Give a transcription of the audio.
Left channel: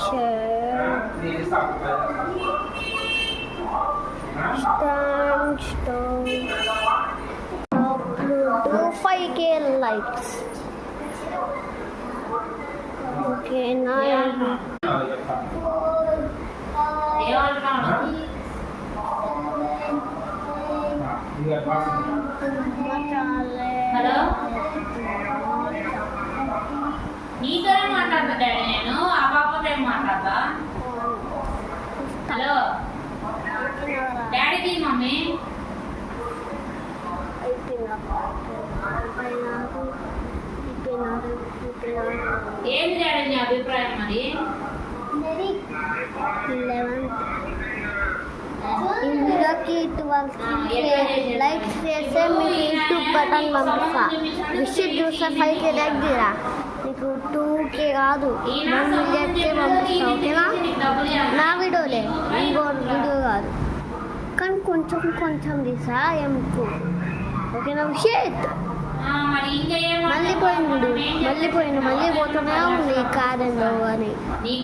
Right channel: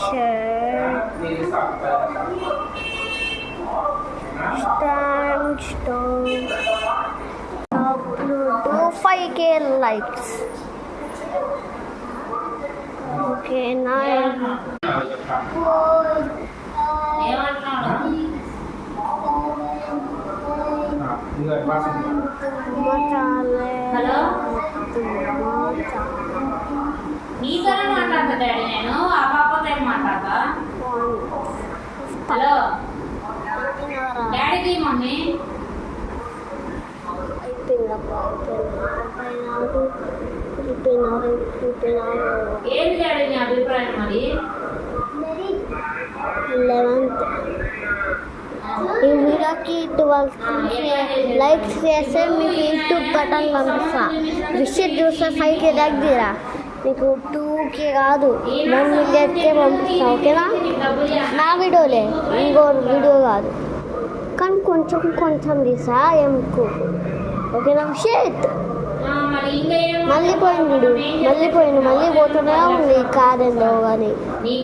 share, stand, stone, upload to 5K likes. Okay, now నీతోనే మాట్లాడతా daddy, నేను ఆ పాపతో ఏం మాట్లాడతా. హలో డాడీకి మమ్మీ ఏంటి డాడీ నీ అభిప్రాయం మరి? 11th ఈ వీడియోకి 12 లైక్స్ చేస్తే మీకు యూట్యూబ్ బటన్ పంపిస్తా. విషయం చూస్తే 5K లైక్ తీరా, నీకు 2K కాదు 1 మిలియన్కే పంపిస్తా. ఓకేనా? నా వీడియోలే, ఇంకో వీడియో కాదు, కానీ కొంచెం కొంచెం తీసా ఎంకు. ఓకేనా? షేట్ మళ్ళీ పోయింది, మళ్ళీ పోతున్నా నీ కాదంలో అని.